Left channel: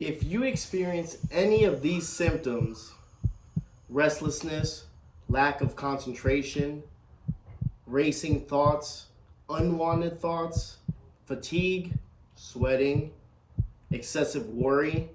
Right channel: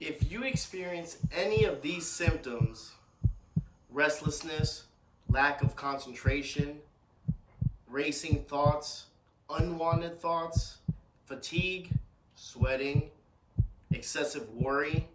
If you experience any of these symptoms, restlessness, lack of concentration, racing thoughts, unwanted thoughts, fatigue, sweating, excessive worry,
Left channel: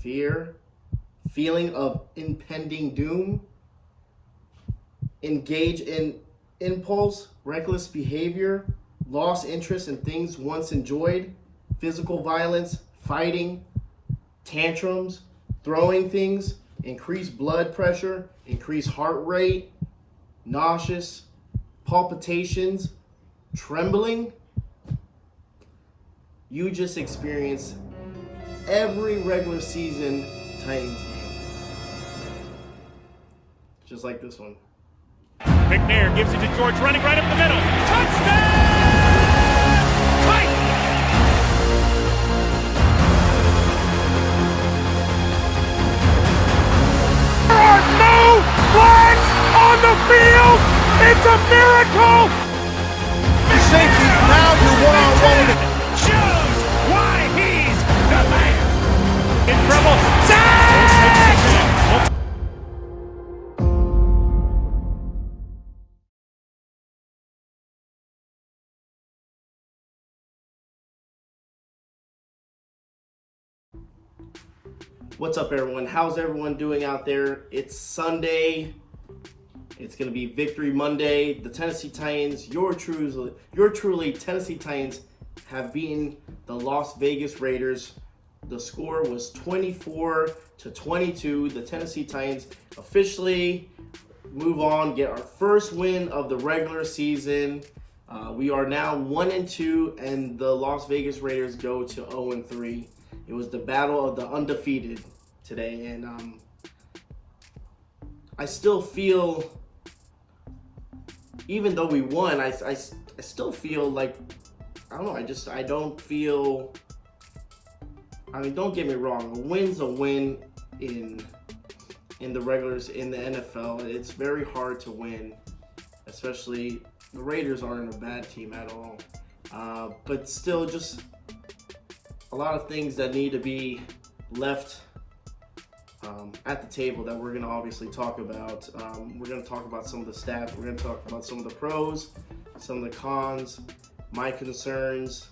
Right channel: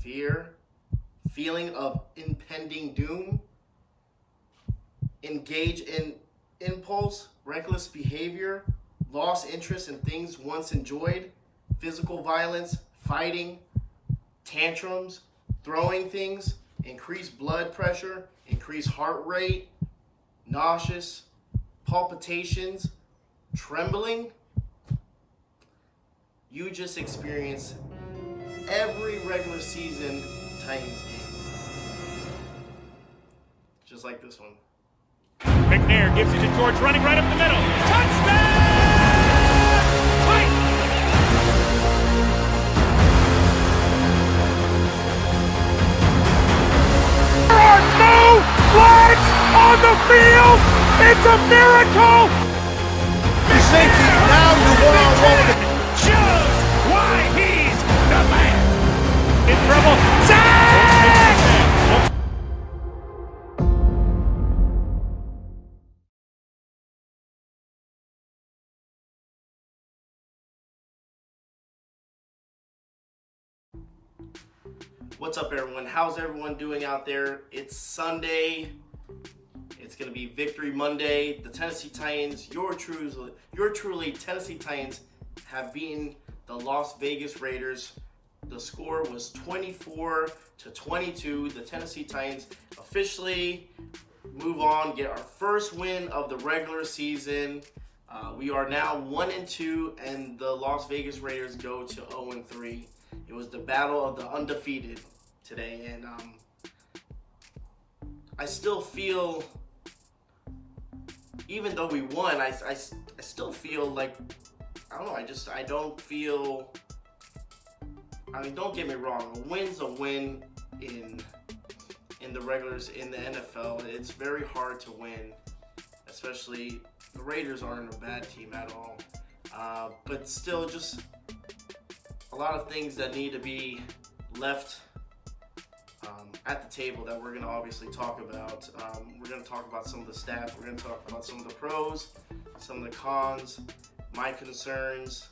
fear, feeling of impending doom, engage in impulse, reckless behavior, lost interest in things once enjoyed, physical violence, fighting, tantrums, throwing things, increased blood pressure, increased heart rate, nauseous, palpitations, trembling, you just experienced every regular season Titans game. Just like this one. McNair gives it to George, running right up the middle. Touchdown! Titans! There are no flags on the field! It's a miracle! Safety, now you're one-on-one with it. Shows why he's the man! In trouble. Sack! What's up, everyone? How's everyone doing out there? It's Sunday. It's going to be Victory Monday. The Tennessee Titans, your truly Tennessee Titans, have beaten the Las Vegas Raiders. The score was 24-22. The Tennessee Titans officially move on, get our first win of the regular season. We are now 1-2, and the Las Vegas Raiders go to 0-3. It was the battle of the undefeated today, and I still feel, even though we won, I still feel like, I don't know, I don't feel, I mean, don't get me wrong, a win's a win in the regulars, in the NFL. It's very hard to win, especially the Raiders aren't a bad team at all, but still just a lot of things that need to be left at the table that we're going to obviously talk about. We're going to talk about some of the stats. We're going to talk about some of the pros, some of the cons, my concerns.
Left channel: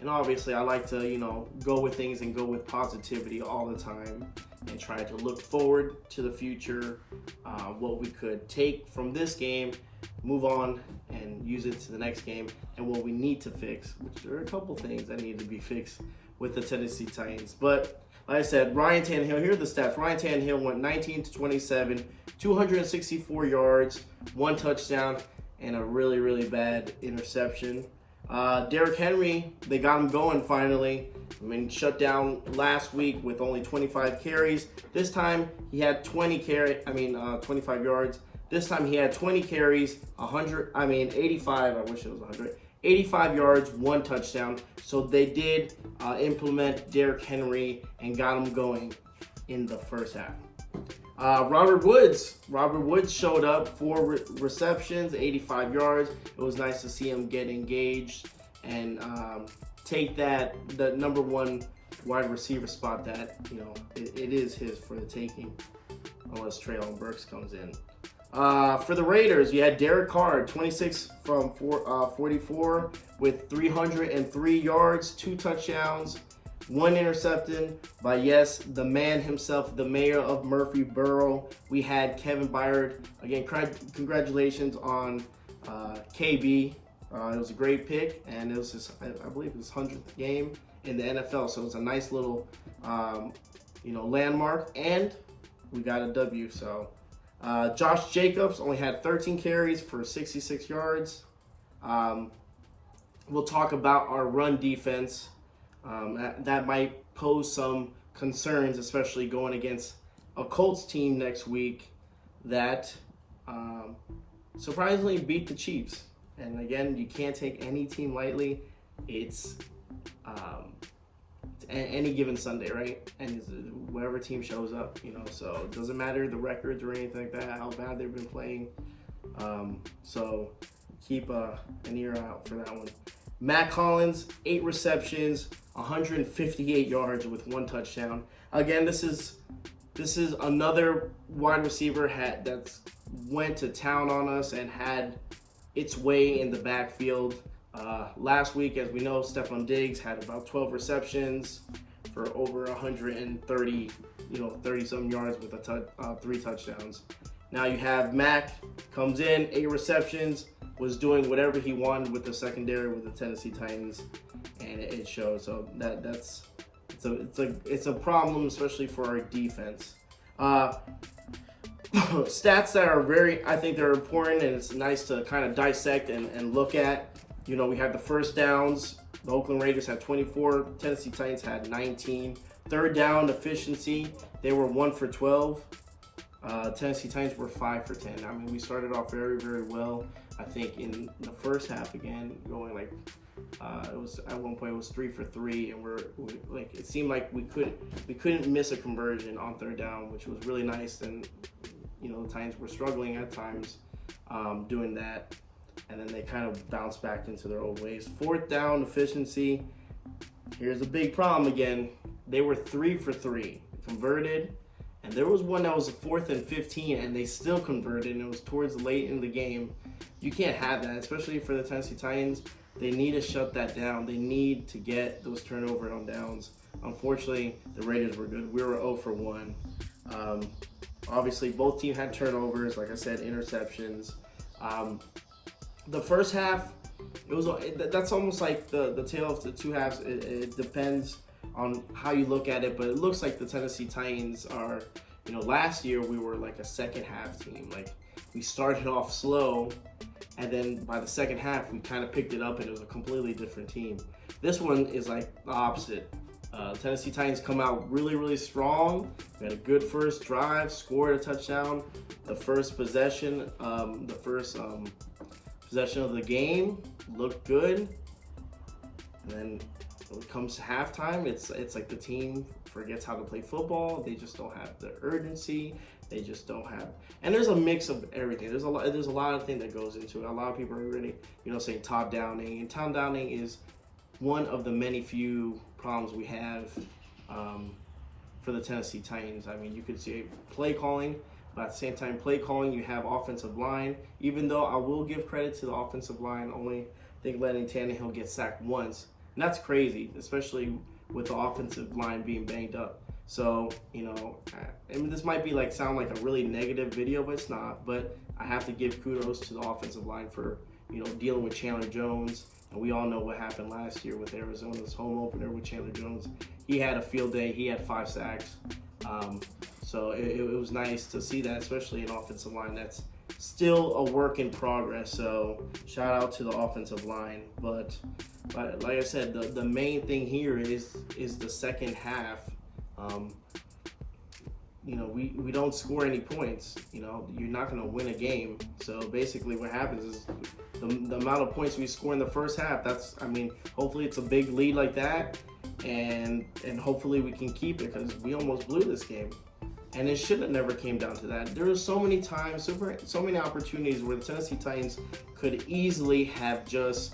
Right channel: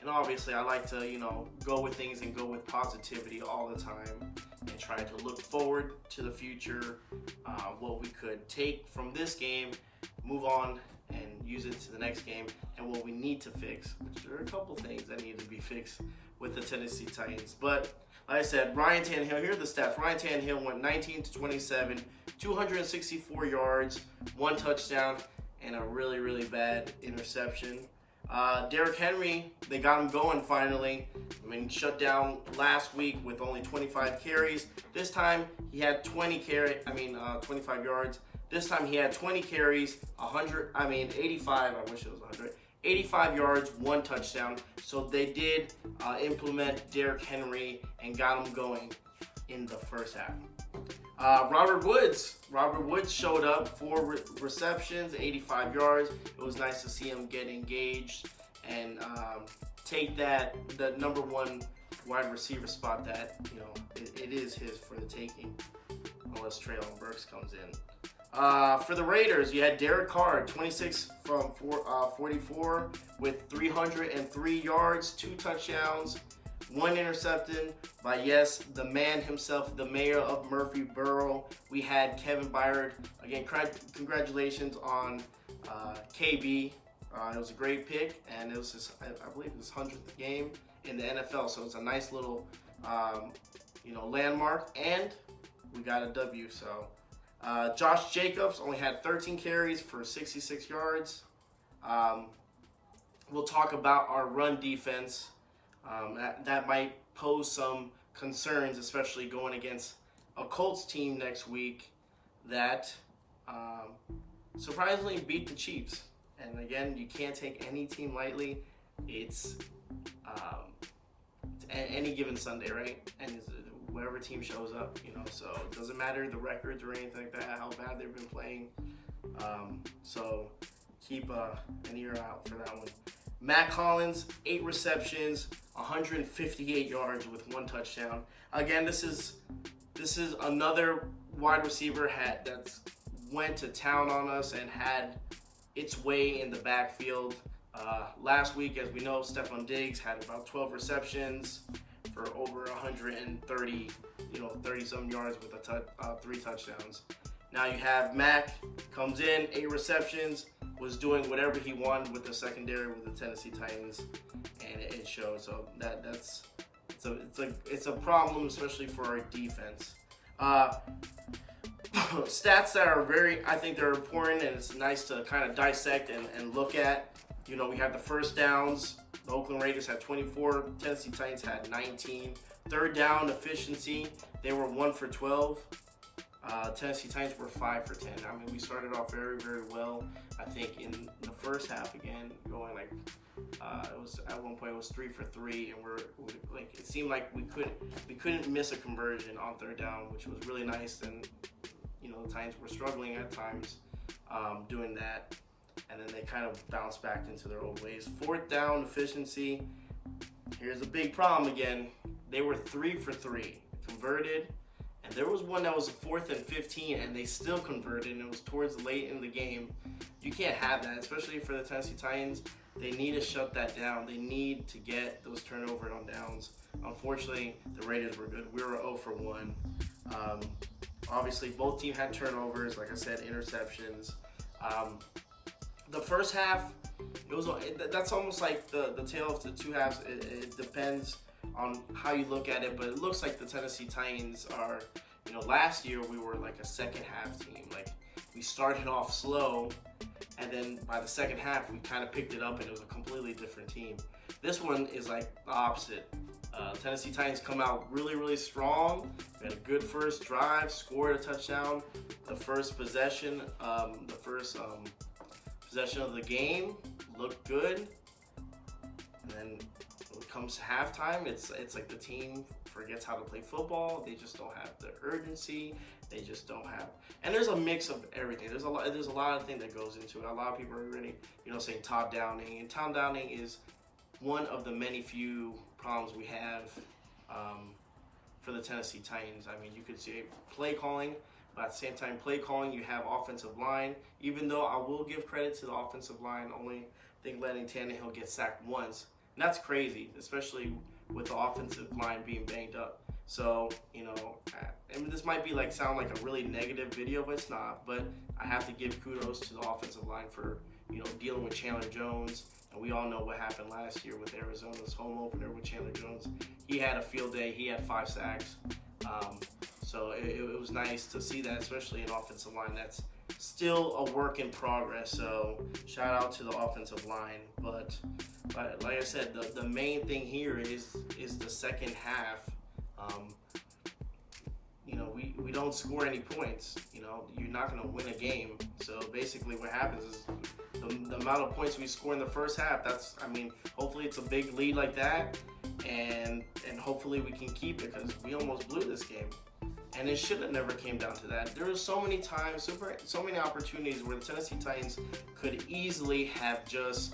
And obviously, I like to, go with things and go with positivity all the time and try to look forward to the future, what we could take from this game, move on and use it to the next game, and what we need to fix, which there are a couple things that need to be fixed with the Tennessee Titans. But like I said, Ryan Tannehill, here are the stats. Ryan Tannehill went 19-27, 264 yards, 1 touchdown, and a really, really bad interception. Derrick Henry, they got him going finally. Shut down last week with only 25 carries. This time he had 25 yards. This time he had 20 carries, 85, I wish it was 100. 85 yards, 1 touchdown. So they did implement Derrick Henry and got him going in the first half. Robert Woods showed up, 4 receptions, 85 yards. It was nice to see him get engaged and take the number 1 wide receiver spot that, it is his for the taking, unless Treylon Burks comes in. For the Raiders, you had Derek Carr, 26 from 44 with 303 yards, 2 touchdowns, 1 interception by, yes, the man himself, the mayor of Murfreesboro. We had Kevin Byard. Again, congratulations on KB. It was a great pick, and it was I believe his 100th game in the NFL. So it's a nice little, landmark, and we got a W. So Josh Jacobs only had 13 carries for 66 yards. We'll talk about our run defense. That might pose some concerns, especially going against a Colts team next week that surprisingly beat the Chiefs. And again, you can't take any team lightly. It's any given Sunday, right? And whatever team shows up, so it doesn't matter the records or anything like that, how bad they've been playing. So keep an ear out for that one. Matt Collins, 8 receptions, 158 yards with 1 touchdown. Again, this is another wide receiver that went to town on us and had its way in the backfield. Last week, as we know, Stephon Diggs had about 12 receptions for over 130, 30-some yards with 3 touchdowns. Now you have Mac, comes in, 8 receptions, was doing whatever he wanted with the secondary with the Tennessee Titans, and it showed. So it's a problem, especially for our defense. Stats that are I think they're important, and it's nice to kind of dissect and look at. We had the first downs. The Oakland Raiders had 24. Tennessee Titans had 19. Third down efficiency, they were 1 for 12. Tennessee Titans were 5 for 10. I mean, we started off very, very well. I think in the first half, again, going it was at one point it was 3 for 3, and it seemed like we couldn't miss a conversion on third down, which was really nice. And the Titans were struggling at times doing that, and then they kind of bounced back into their old ways. Fourth down efficiency. Here's a big problem again. They were 3 for 3, converted. And there was one that was 4th and 15, and they still converted, and it was towards late in the game. You can't have that, especially for the Tennessee Titans. They need to shut that down. They need to get those turnovers on downs. Unfortunately, the Raiders were good. We were 0 for 1. Obviously, both teams had turnovers, like I said, interceptions. The first half, that's almost like the tale of the two halves. It depends on how you look at it, but it looks like the Tennessee Titans are, last year we were like a second half team. Like, we started off slow, and then by the second half we kind of picked it up, and it was a completely different team. This one is like the opposite. Tennessee Titans come out really, really strong. We had a good first drive, scored a touchdown. The first possession, possession of the game looked good, and then when it comes to halftime, it's like the team forgets how to play football. They just don't have the urgency. They just don't have, and there's a mix of everything. There's a lot of things that goes into it. A lot of people are really, saying Todd Downing, and Todd Downing is one of the many few problems we have for the Tennessee Titans. I mean, you could say play calling, but at the same time, play calling, you have offensive line. Even though I will give credit to the offensive line, only think letting Tannehill get sacked once. And that's crazy, especially with the offensive line being banged up. So, I mean, this might be sound like a really negative video, but it's not. But I have to give kudos to the offensive line for, dealing with Chandler Jones. And we all know what happened last year with Arizona's home opener with Chandler Jones. He had a field day. He had 5 sacks. So it was nice to see that, especially an offensive line that's still a work in progress. So shout out to the offensive line. But like I said, the main thing here is the second half. We don't score any points. You're not going to win a game. So basically what happens is the amount of points we score in the first half, hopefully it's a big lead like that, and hopefully we can keep it, because we almost blew this game. And it should have never came down to that. There were so many times, so many opportunities where the Tennessee Titans could easily have just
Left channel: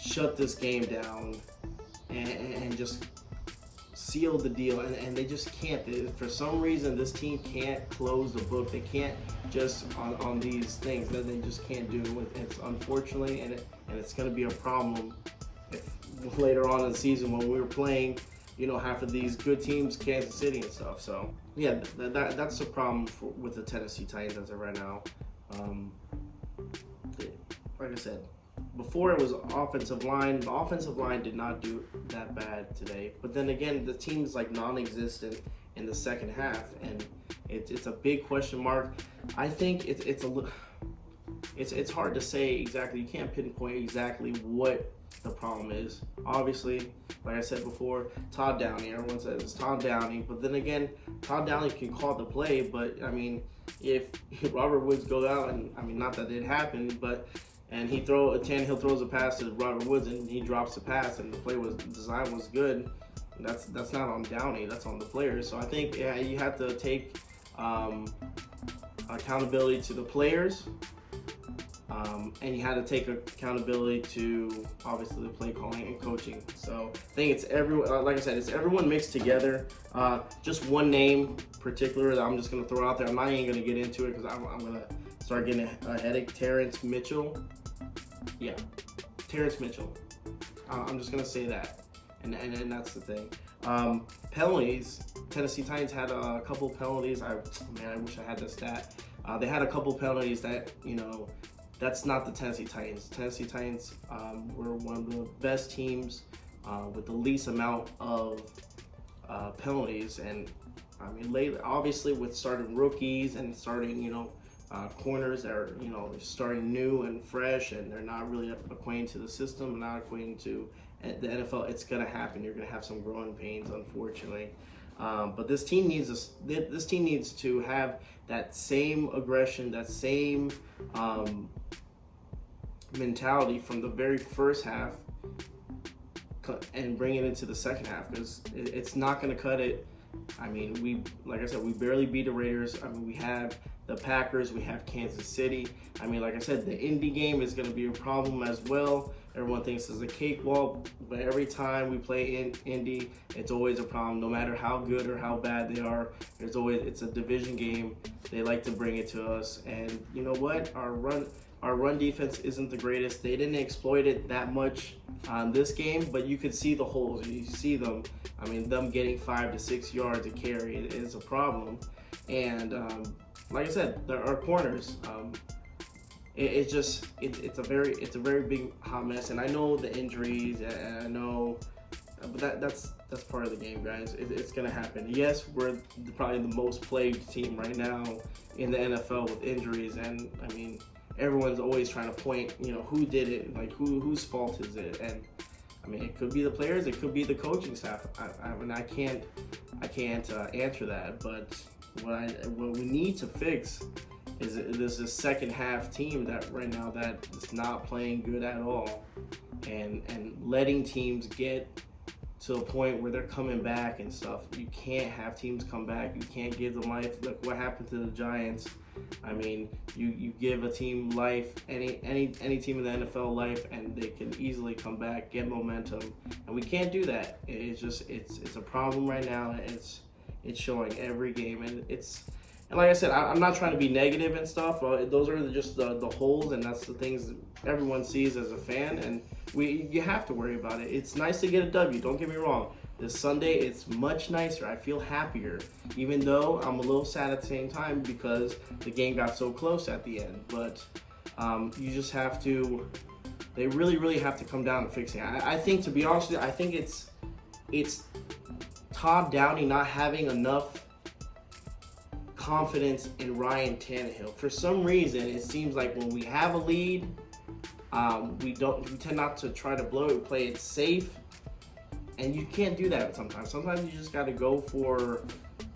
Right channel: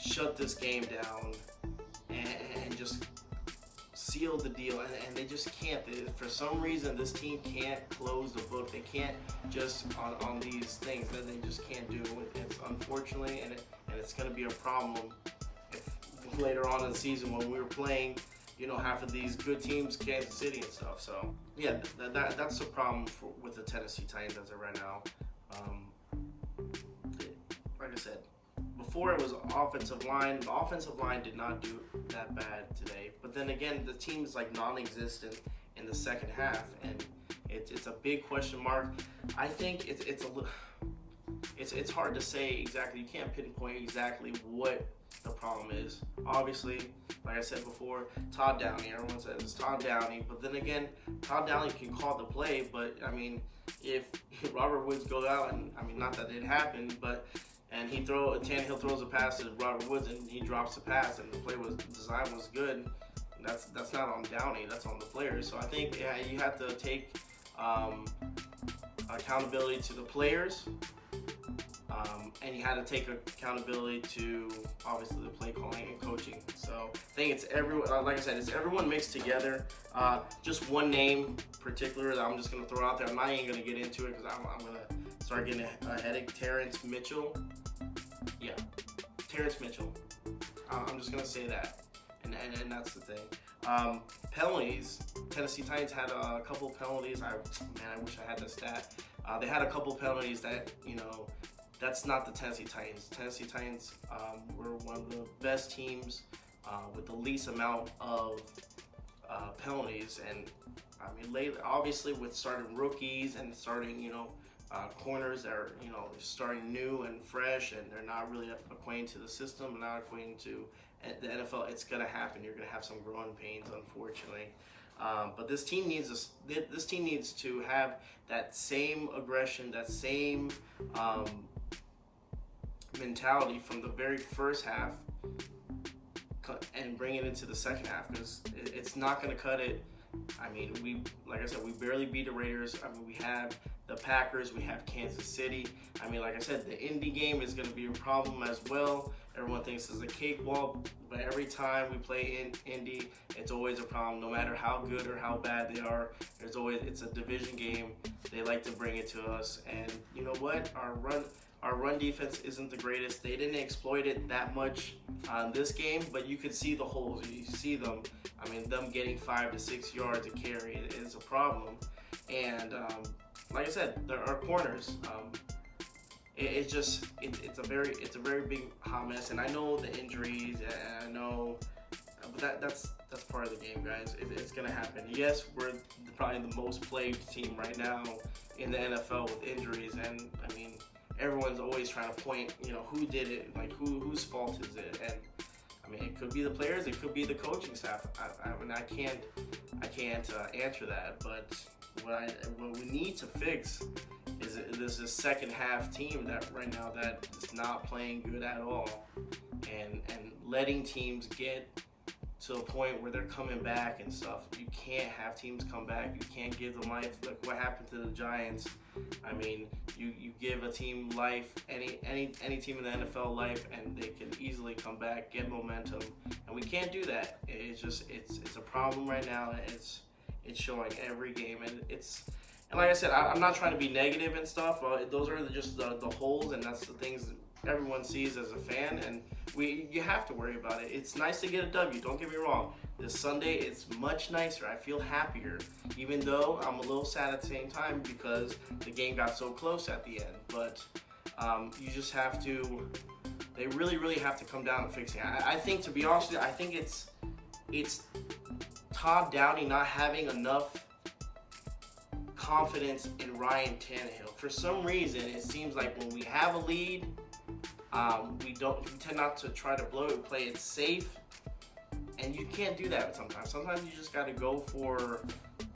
shut this game down and just seal the deal. And they just can't. For some reason, this team can't close the book. They can't just on these things that they just can't do. It's unfortunately, and it's going to be a problem if later on in the season when we were playing, half of these good teams, Kansas City and stuff. So yeah, that's the problem with the Tennessee Titans as of right now. Like I said, before it was offensive line. The offensive line did not do that bad today. But then again, the team is non-existent in the second half, and it's a big question mark. I think it's hard to say exactly. You can't pinpoint exactly what the problem is. Obviously, like I said before, Todd Downing. Everyone says it's Todd Downing, but then again, Todd Downing can call the play. But if Robert Woods goes out, and not that it happened, but Tannehill throws a pass to Robert Woods and he drops the pass, and the design was good. That's not on Downing. That's on the players. So I think you have to take accountability to the players. And you had to take accountability to obviously the play calling and coaching. So I think it's everyone, like I said, it's everyone mixed together. Just one name particular that I'm just going to throw out there. I'm not even going to get into it because I'm going to start getting a headache. Terrence Mitchell. Yeah, Terrence Mitchell. I'm just going to say that. And that's the thing. Penalties. Tennessee Titans had a couple penalties. I wish I had the stat. They had a couple penalties that, that's not the Tennessee Titans. Tennessee Titans were one of the best teams with the least amount of penalties. And I mean, lately, obviously, with starting rookies and starting, corners that are, starting new and fresh, and they're not really acquainted to the system and not acquainted to the NFL, it's gonna happen. You're gonna have some growing pains, unfortunately. But this team needs to have that same aggression, that same mentality from the very first half, and bring it into the second half, because it's not going to cut it. I mean, like I said, we barely beat the Raiders. I mean, we have the Packers, we have Kansas City. I mean, like I said, the Indy game is going to be a problem as well. Everyone thinks it's a cakewalk, but every time we play in Indy, it's always a problem. No matter how good or how bad they are, it's a division game. They like to bring it to us, and you know what? Our run defense isn't the greatest. They didn't exploit it that much on this game, but you could see the holes. You see them. I mean, them getting 5 to 6 yards a carry is a problem. And like I said, our corners. It's a very big hot mess. And I know the injuries, and I know, but that's part of the game, guys. It's gonna happen. Yes, we're probably the most plagued team right now in the NFL with injuries, and I mean, everyone's always trying to point, who did it, like whose fault is it? And I mean, it could be the players, it could be the coaching staff. I can't answer that. But what we need to fix is this second half team that right now that is not playing good at all, and letting teams get to a point where they're coming back and stuff. You can't have teams come back. You can't give them life. Look what happened to the Giants. I mean, you give a team life, any team in the NFL life, and they can easily come back, get momentum. And we can't do that. It's a problem right now. It's showing every game, and like I said, I'm not trying to be negative and stuff. Those are just the holes, and that's the things that everyone sees as a fan, and you have to worry about it. It's nice to get a W, don't get me wrong. This Sunday, it's much nicer. I feel happier, even though I'm a little sad at the same time because the game got so close at the end. But you just have to, they really have to come down and fix it. I think, to be honest with you, I think it's Todd Downey not having enough confidence in Ryan Tannehill. For some reason, it seems like when we have a lead, we tend not to try to blow it, play it safe, and you can't do that sometimes. Sometimes you just got to go for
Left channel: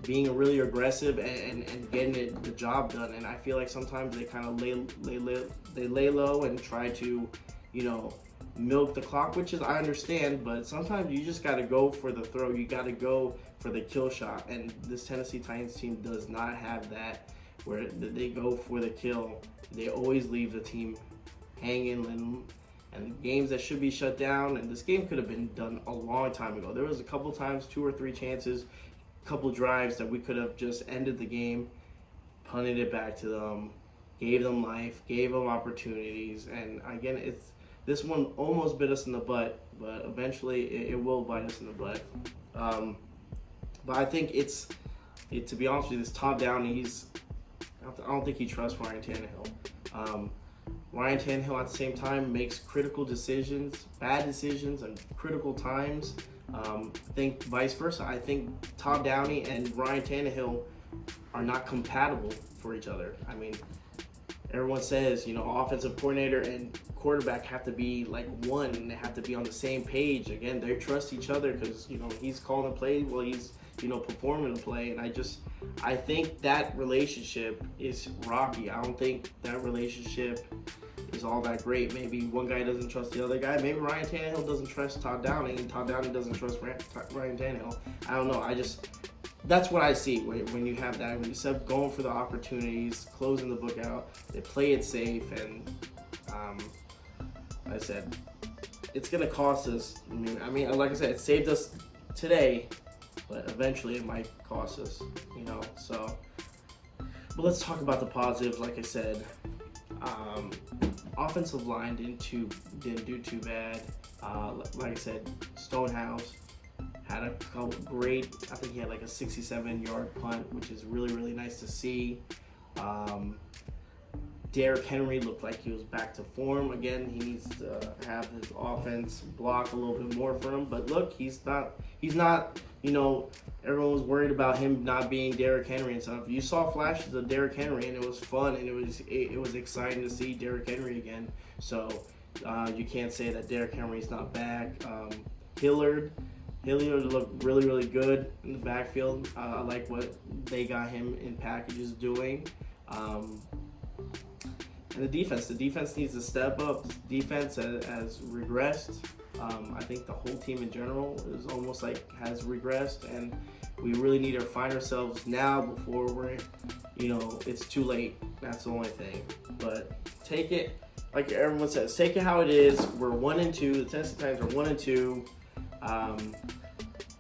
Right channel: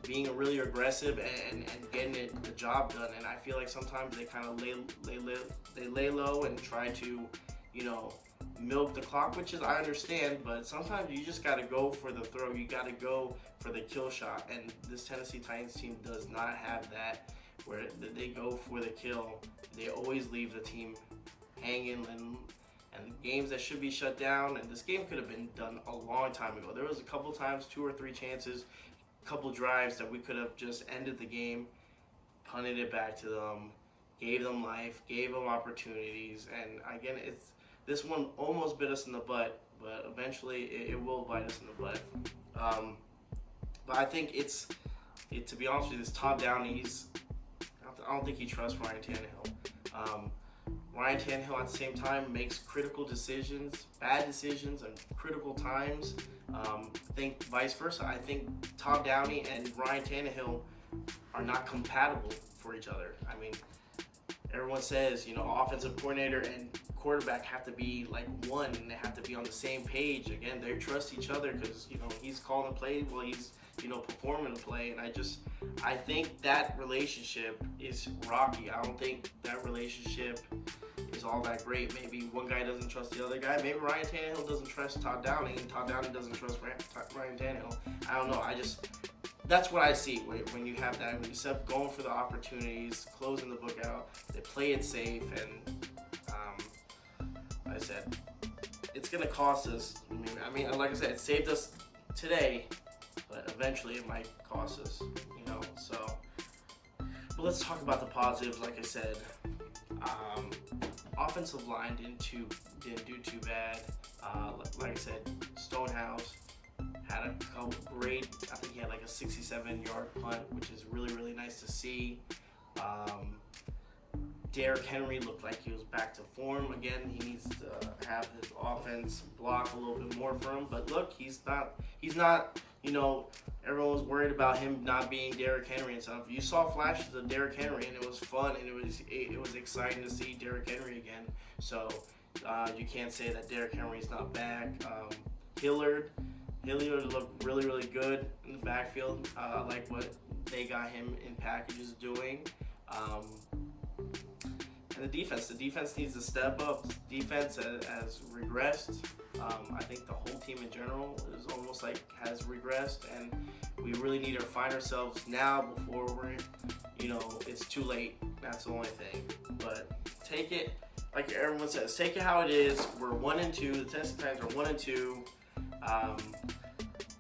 being really aggressive and getting the job done. And I feel like sometimes they kind of lay low and try to, milk the clock, which is, I understand, but sometimes you just got to go for the throw. You got to go for the kill shot, and this Tennessee Titans team does not have that, where they go for the kill. They always leave the team hanging, and games that should be shut down, and this game could have been done a long time ago. There was a couple times, 2 or 3 chances, a couple drives that we could have just ended the game, punted it back to them, gave them life, gave them opportunities, and again, this one almost bit us in the butt, but eventually it will bite us in the butt. But I think to be honest with you, this Todd Downey, I don't think he trusts Ryan Tannehill. Ryan Tannehill at the same time makes critical decisions, bad decisions, and critical times. I think vice versa. I think Todd Downey and Ryan Tannehill are not compatible for each other. I mean, everyone says, offensive coordinator and quarterback have to be like one, and they have to be on the same page. Again, they trust each other because, he's calling the play while he's, performing the play. And I think that relationship is rocky. I don't think that relationship is all that great. Maybe one guy doesn't trust the other guy. Maybe Ryan Tannehill doesn't trust Todd Downey, and Todd Downey doesn't trust Ryan Tannehill. I don't know. That's what I see when you have that. When you start going for the opportunities, closing the book out, they play it safe, and like I said, it's gonna cost us. I mean, like I said, it saved us today, but eventually it might cost us, you know. So, but let's talk about the positives. Like I said, offensive line didn't do too bad. Like I said, Stonehouse had a great. I think he had like a 67-yard punt, which is really, really nice to see. Derrick Henry looked like he was back to form again. He needs to have his offense block a little bit more for him. But look, he's not. You know, everyone was worried about him not being Derrick Henry and stuff. You saw flashes of Derrick Henry, and it was fun, and it was exciting to see Derrick Henry again. So you can't say that Derrick Henry's not back. Hilliard looked really, really good in the backfield. I like what they got him in packages doing. And the defense needs to step up. Defense has regressed. I think the whole team in general is almost like has regressed, and we really need to find ourselves now before it's too late. That's the only thing. But take it, like everyone says, take it how it is. We're 1-2. The Tennessee Titans are 1-2.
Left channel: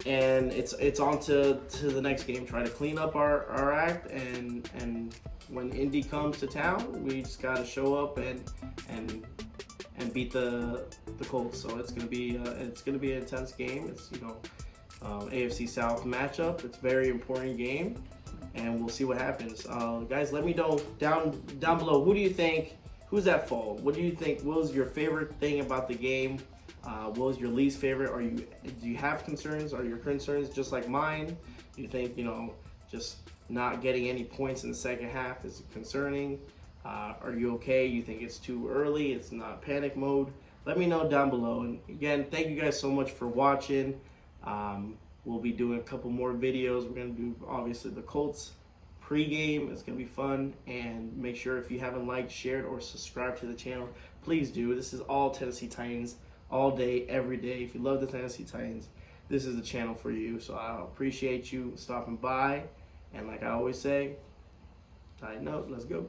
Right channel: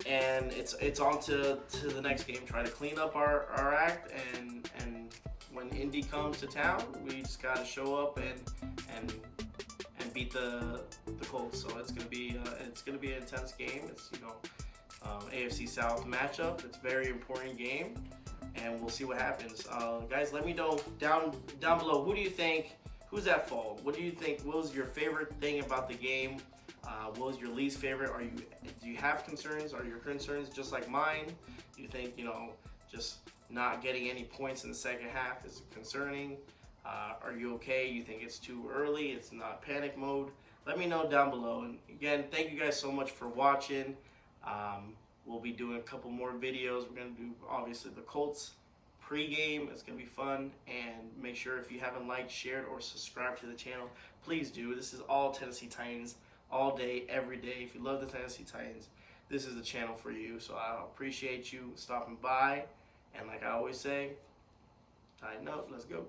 And it's on to the next game. Try to clean up our act, and when Indy comes to town, we just gotta show up and beat the Colts. So it's gonna be an intense game. It's AFC South matchup. It's a very important game, and we'll see what happens. Guys, let me know down below. Who do you think? Who's at fault? What do you think? What was your favorite thing about the game? What was your least favorite? Do you have concerns? Are your concerns just like mine? Do you think just not getting any points in the second half is concerning? Are you okay? You think it's too early? It's not panic mode? Let me know down below. And again, thank you guys so much for watching. We'll be doing a couple more videos. We're going to do, obviously, the Colts pregame. It's going to be fun. And make sure if you haven't liked, shared, or subscribed to the channel, please do. This is all Tennessee Titans, all day, every day. If you love the Tennessee Titans, this is the channel for you. So I appreciate you stopping by. And like I always say, tighten up. Let's go.